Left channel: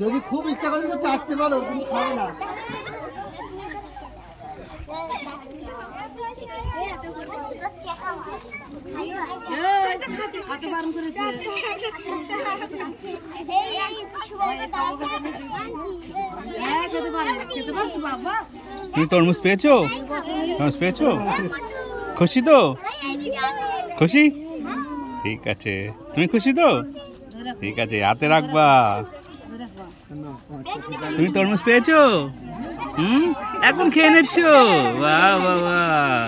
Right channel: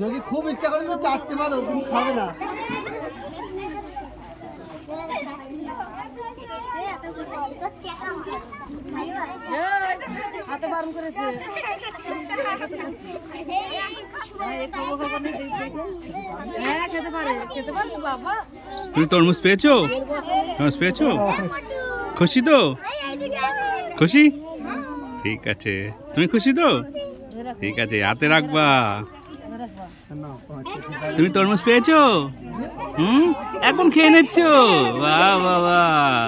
যদি খুব ইচ্ছা করে তো চাটতে পারো, কিন্তু খাবে না। তুমি তরমুজ পেয়েছো? তরমুজ পেয়েছো? খুশি তো? খুশি? ঠিক আছে। তুমি খুশি তো? ঠিক আছে, হাতে রাখবা। তুমি তরমুজ পেয়েছো? এখন খেয়ে নিচ্ছ? বাহ বাহ বাহ,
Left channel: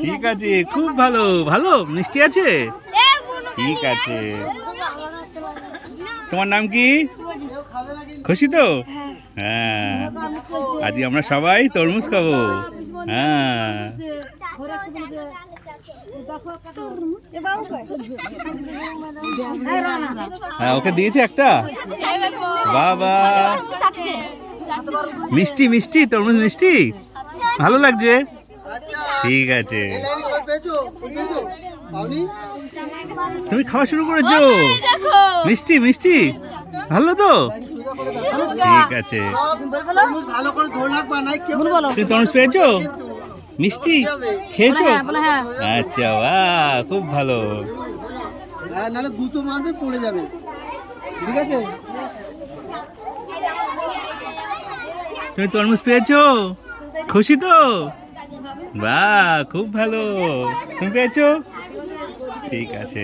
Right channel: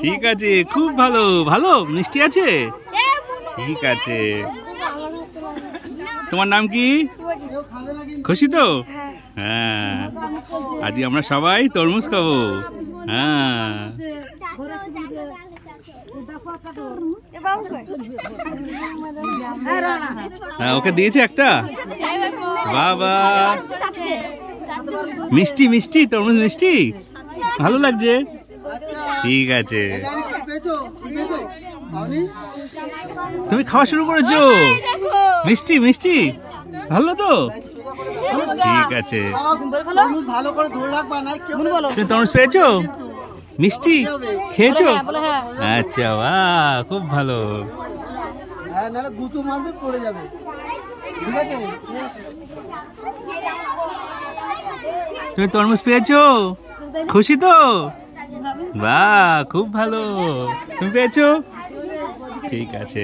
ঠিক আছে, খুব ভালো। ভালো মিষ্টি আছে? ঠিক আছে। তোমার নাম কি? খুশি তো? হ্যাঁ, আজকে আমরা সবাই তরমুজ খাবো। হ্যাঁ, ওকে দিয়েছে একটা। বাবা, মিষ্টি মিষ্টি তরমুজ মিষ্টি, ভালো লাগছে। ঠিক আছে, তুমি খাওয়া শুরু করেছো? মিষ্টি মিষ্টি ভালো তো? ঠিক আছে। তুমি তরমুজ পেয়েছো? মিষ্টি খেয়েছো? আচ্ছা, বাহ, খুব ভালো। তুমি তরমুজ পেয়েছো? খুশি তো? বাহ, খুব ভালো। তুমি পেয়েছো? ঠিক আছে।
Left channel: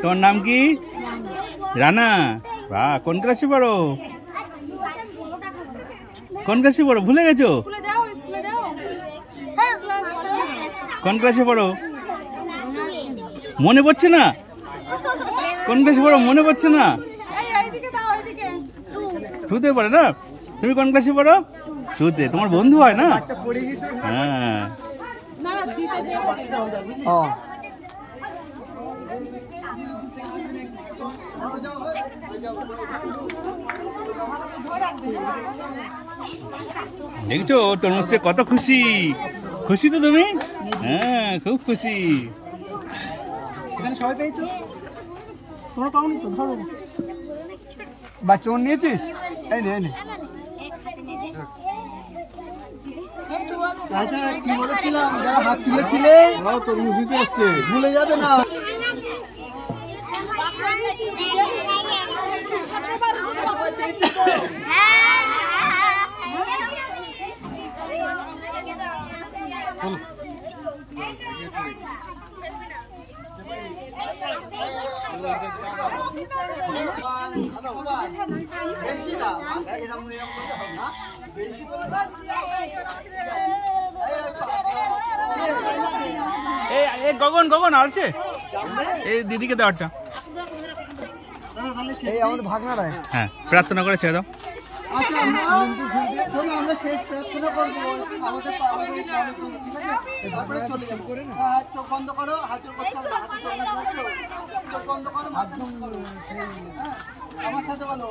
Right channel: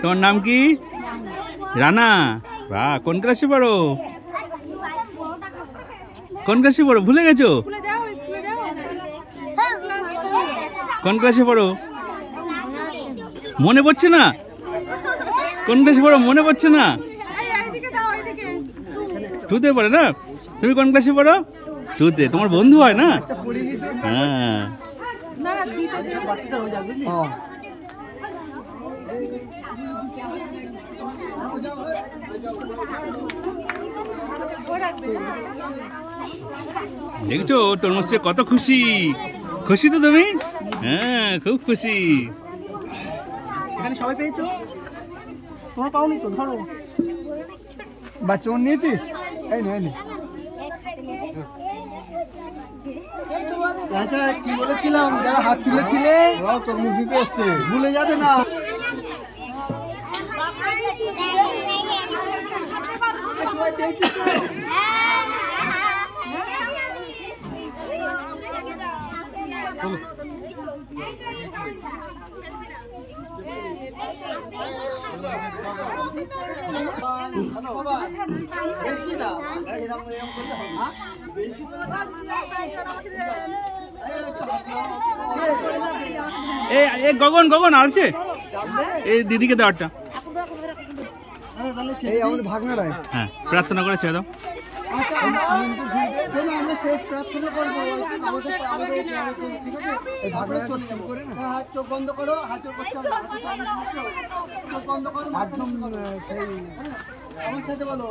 তোমার নাম কি? রানা। বাহ, কোন ক্লাসে পড়ো? কোন ক্লাসে পড়ো? ভুলে গেছো? কোন ক্লাসে পড়ো? মনে পড়ছে না? কোন ক্লাসে পড়ো মনে পড়ছে না? টুতে পড়ে না? তুমি কোন ক্লাসে পড়ো? টুতে। তোমার বন্ধু হয় না? হ্যাঁ। দেখছো তরমুজে কত খুশি। খুশি তো তুমি? হ্যাঁ, খুব খুশি। এখানে সবাই পেয়েছো? তোমরা পাওনি তো? ধরো বাচ্চা নিয়েছিস? এই নে, এই নে। আচ্ছা, কি বলেছিলাম? যারা হাত তুলেছিলে তরমুজ দিতে এসছে, ভুলে যাবে না। গগন গগন আছে এই দিদিকে দেওয়ারটা। আমাদের ভাগনারা। হ্যাঁ, প্রার্থনা করে ছেড়ে দাও। আচ্ছা, আমরা শেষ প্রার্থনা করবো। ঠিক আছে, চলে যাবো। চোখ বন্ধ করো, হাতের চোখ বন্ধ করো, আমার সাথে বলো।